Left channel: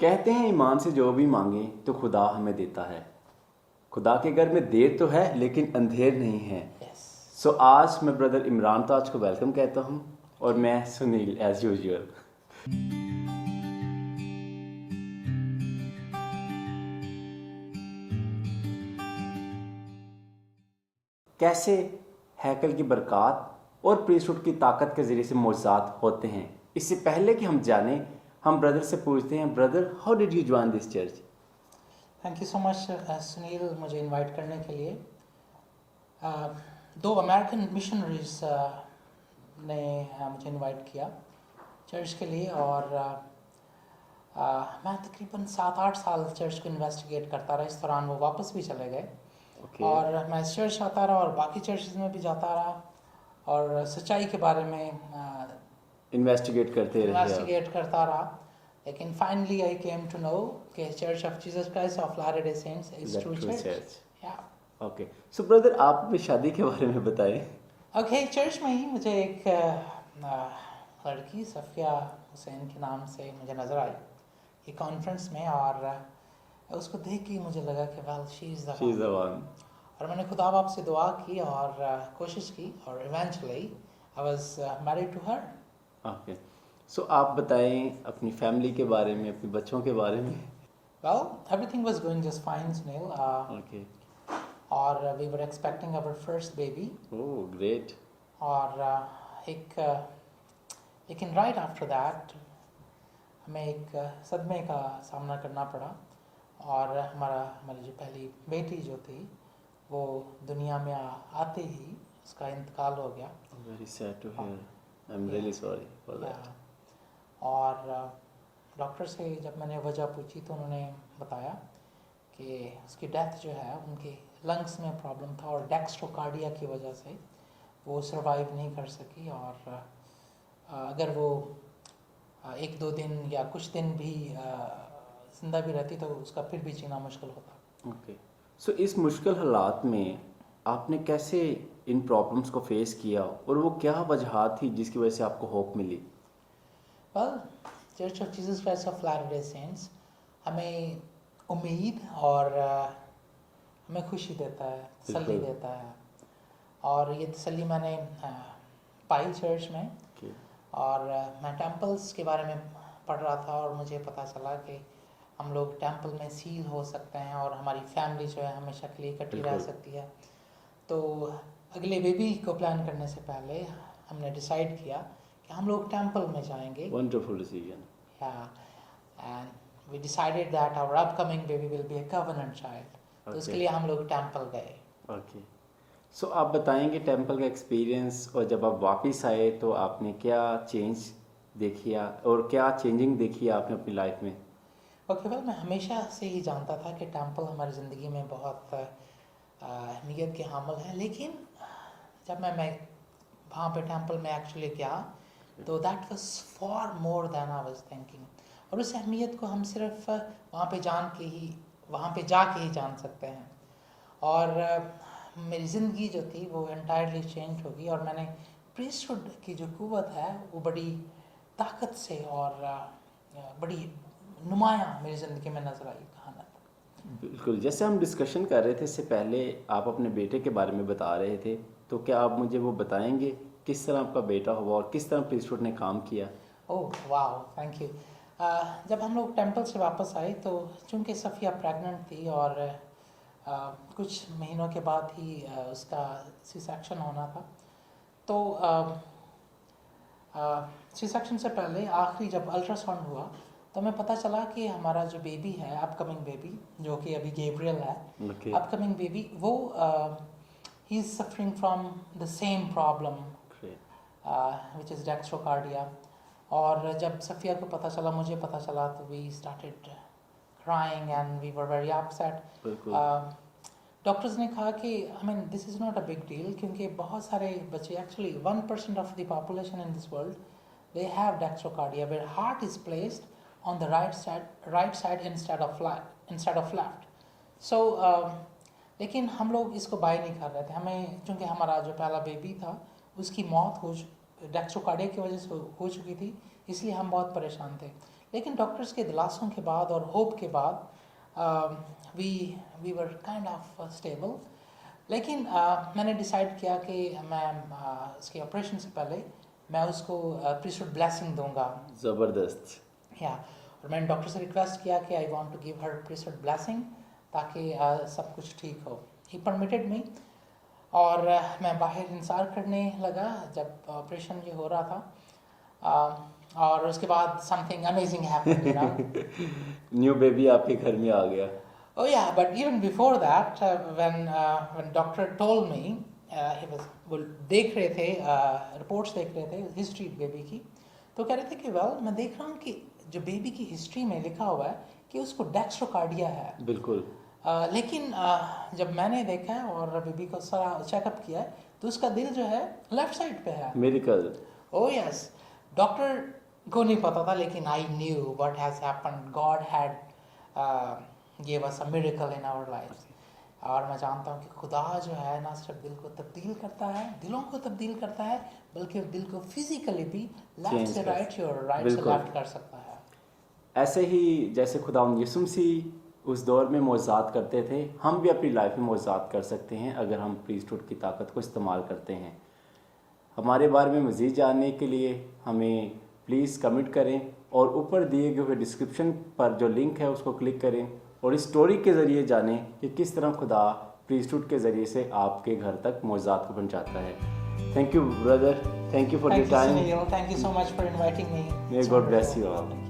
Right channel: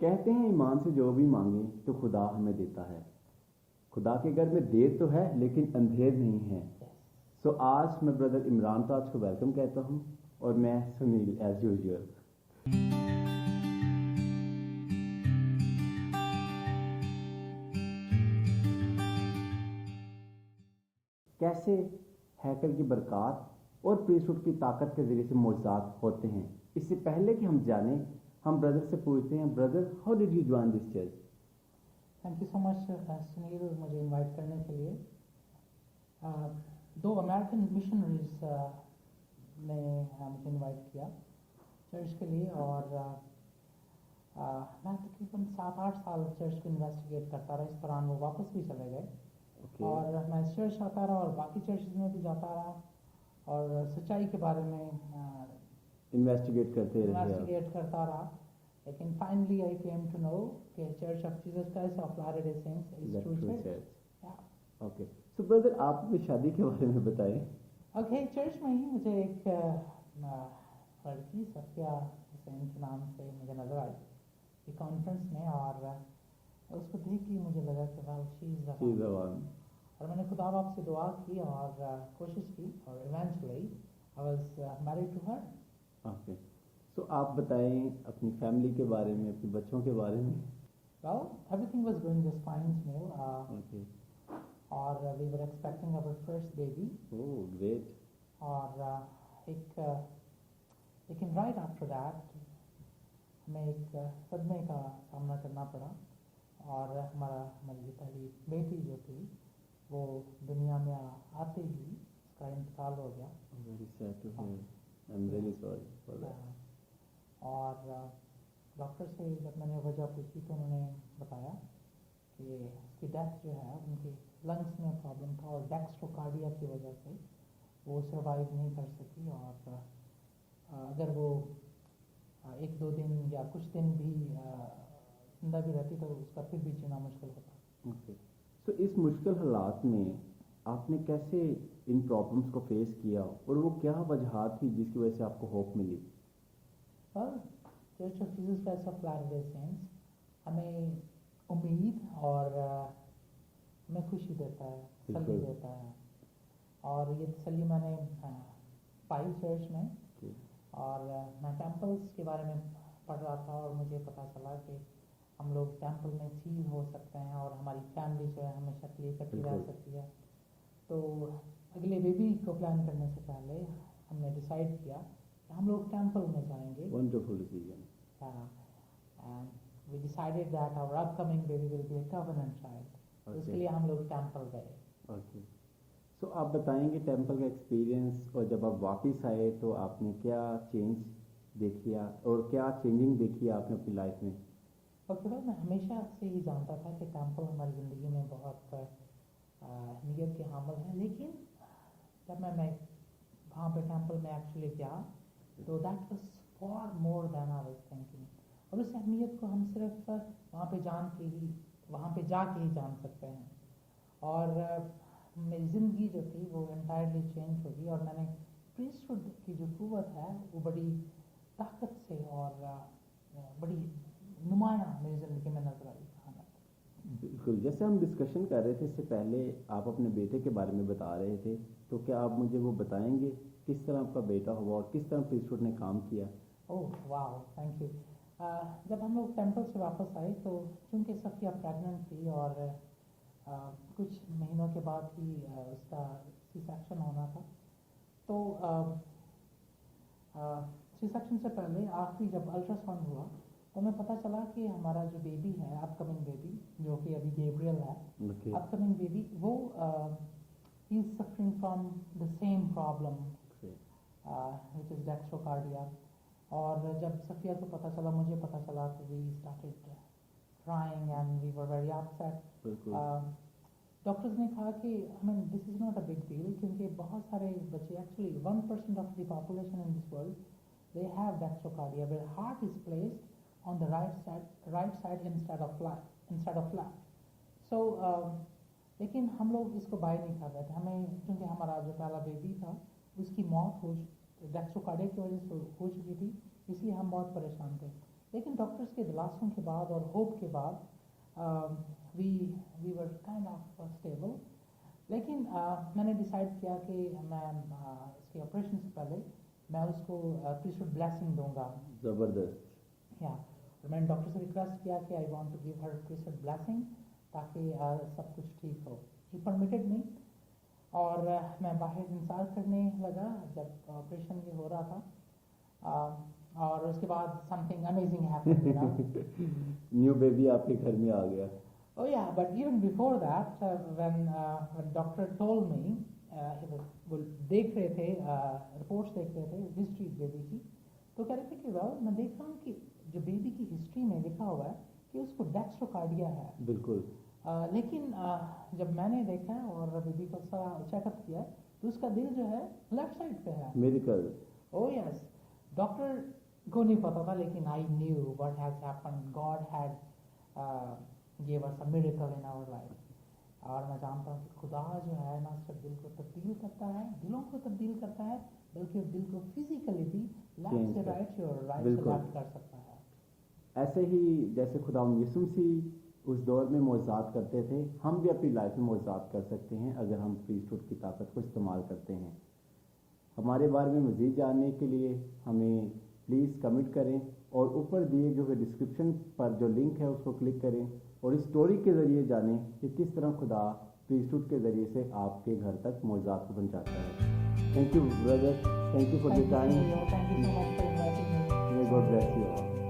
कहते हैं ईमान से जो भी मांगे तो खुदा हमें देता है। खुदा के घर में देर तो है लेकिन अंधेर नहीं है। Yes. सो आज मैं ब्रदर इमरान ताज को वेलकम कहता हूँ और मैं सुनील एज यूजुअल। कैसे हैकल की बरक़ात और प्रीस्टहुड की ताकत के ज़रिए से मौजूद होते हैं। इससे पहले कि हम जाने, हम ब्रदर से पूछते हैं, brother how did you join this church? Thank you so much Sunil, मुझे इनवाइट करने के लिए। दो अमेरिकन मिशनरीज ने मुझे इनवाइट किया चर्च के लिए, और मैं तकरीबन 7-8 साल चर्च को इन्वेस्टिगेट करता रहा। इस दौरान वो वापस भी चले गए। और मैं इस चर्च आता रहा और बाकी चर्चेज में भी जाता रहा और सच्चाई के बारे में इन्वेस्टिगेट करता रहा। लेकिन finally I came to know कि church of Jesus Christ of letter-day saints is true church. Okay, so brother आप अपनी शादी के बारे में बताएं। ओके, चर्च में ही मुझे एक लड़की सफ़िया हुसैन के नाम से मुझे नज़र आई एक कॉन्फ्रेंस में, और उसको देख के मुझे लगा कि well she is the one. और मैंने खुदा बाप से दुआ की और कोशिश की, और eventually I was married to her. Okay, so आप बताएं अपनी फैमिली के बारे में, अपने बच्चों के बारे में। Well everything was going just fine Sunil. Okay, और we were expecting our first baby. Oh great. और लेकिन राइट आफ्टर दैट हमें एक सदमे का सामना करना पड़ा, और हमारी जो पहली बेटी जो थी वो दुनिया में आते ही उसका इंतकाल हो गया। Very sad to hear, I am really sorry for that. और डॉक्टर से जब मैंने वजह पूछी तो उन्होंने बताया कि उसकी डेथ जो है उनके लंग्स में प्रॉब्लम था, और डेक्स्ट्रोकार्डिया की वजह से वो सरवाइव नहीं कर सकी, और अगर वो 1-2 दिन या कुछ दिन भी जिंदा भी रहती तो उसका फिर भी जीना मुश्किल होता। ओके, सो इस मुश्किल हालात में आपने कैसे इन प्रॉब्लम्स को फेस किया, और वो क्या वजह थी जिसकी वजह से आपको होप मिली? Well, Church of Jesus Christ of letter-day Saints हमें उम्मीद और हमें खुशी देता है, तसल्ली देता है, और ये तसल्ली मैंने पाई चर्च में। और मैं टेम्पल्स के बारे में पढ़ रहा था और मुझे पता चला कि हम लोग टेम्पल में सील हो सकते हैं और हमारी फैमिली जो है हमेशा के लिए इकट्ठी रह सकती है। तो अगले बेबी को प्लान करने से पहले हमने डिसाइड किया कि हम लोग टेम्पल में जाएंगे। Wonderful decision. And we decided that our upcoming baby will be a covenant child. तो उसके लिए हम लोग टेम्पल गए। ओके, सो आप बताएंगे टेम्पल का एक्सपीरियंस, और जब आप वापस आए तो आपने क्या चेंज देखी और क्या चेंजिंग देखी आपने अपनी लाइफ में? ओके, वेल मैं हमेशा से ही जानता था कि टेम्पल हमारी ज़िंदगी में बहुत अहमियत के हामिल है, लेकिन जब मैं वहाँ पे टेम्पल में एक्चुअली गया तो that was for more than I was thinking. और उस अहमियत को हम सिर्फ वहाँ पे जाके ही जान सकते हैं। और मेरी ज़िंदगी जो थी वो एंटायरली चेंज हो गई, और मैंने प्रीस्टहुड की जो कुव्वत है वो बड़ी ताकत से और बड़ी नुमायाँ मेरी ज़िंदगी में नज़र आई। बिल्कुल, जैसे हम डिस्कशन कर रहे थे इससे पहले आप अपने बेटे के बारे में बता रहे थे, तो क्या आप मुझे वो बताएंगे किस तरह आपका बेटा हुआ और किस तरह प्रीस्टहुड ने काम किया? ओह वाह, थैंक यू। जब हम लोग टेम्पल से वापस आए तो चूँकि सफ़िया प्रेग्नेंट थी और कुछ महीनों के बाद ही उसका सी सेक्शन होना था, तो सी सेक्शन से पहले आखिरी जब अल्ट्रासाउंड हुआ तो हमें पता चला कि हमारा जो बेबी है, अपकमिंग बेबी जो कि अभी गैब्रियल है, अपकमिंग बेबी, वो he is suffering from the same problem which is dextrocardia. और जब सफ़िया को पता चला, मुझे पता चला, तो we started crying and we were very upset. Doctors ने कहा कि I mean this is not a big deal, क्योंकि बहुत सारे बच्चे, actually 1% of the population in this world they have dextrocardia where heart is placed on the right side instead of left. So लेकिन हम लोग इसको बाय नहीं कर रहे थे। हमें चूँकि हमारा जो पहला बेबी था उसकी मौत डेक्स्ट्रोकार्डिया की वजह से हो चुकी थी, इसलिए हम बहुत परेशान थे। लेकिन डॉक्टर्स के दिलासों के बाद और होप के बाद we were kind of stable. लेकिन मैंने डिसाइड किया कि मैं इसके ऑपरेशन से पहले मैं उसको प्रीस्टहुड ब्लेसिंग दूंगा। ज़बरदस्त। या और मैंने डॉक्टर से रिक्वेस्ट किया कि I want to give her priesthood blessing ताकि सब कुछ ठीक हो। ही परमिटेड मी और मैं बाहर इंतज़ार करने लगा जब ऑपरेशन ये हो रहा था। और उसके बाद something amazing happened, you know. New baby आपके घर में आ गया। Oh yeah, but even before that, when doctor told me, he was वो देख रहे थे रिपोर्ट्स देख रहे थे हिस्ट्री बेबी की, तो कह रहे थे कि वेल मैं देख रहा हूँ कि जो बेबी की हिस्ट्री में लिखा हुआ है कि उसको डेक्स्ट्रोकार्डिया है। बिल्कुल। लेकिन जब मैंने देखा और बेबी को सारा चेकअप किया है तो उसका दिल जो है लेफ्ट साइड पे है। मिरेकल। ओह यस, डॉक्टर को नहीं पता था लेकिन I knew what has happened. God had gave us a miracle in our lives। और मैं जानता हूँ कि खुदा जो है ना सिर्फ दिल को तब्दील करता है, दिलों को तब्दील करता है, बल्कि दिल को फिजिकली भी लेफ्ट से राइट और राइट से लेफ्ट कर सकता है। ऐसे ही जैसे खुदावंद यीशु मसीह उस दौर में मौजज़ात करते थे, हम भी अपनी लाइफ में मौजज़ात कर सकते हैं अगर हम प्रीस्टहुड की ताकत को इस्तेमाल करते हैं। हमारे बारे में मज़ीद जानने के लिए हमें प्लीज़ कमेंट करें और ऊपर दिए गए हुए डिस्क्रिप्शन पर जो लिंक है उसको क्लिक करें और इस स्टोरी के ज़रिए जानें कि किस तरह खुदा प्रीस्टहुड के ज़रिए से आपके घर तक मौजज़ात को पहुंचाता है। Thank you brother, thank you for your time. Thank you so much for inviting me। May God bless you all.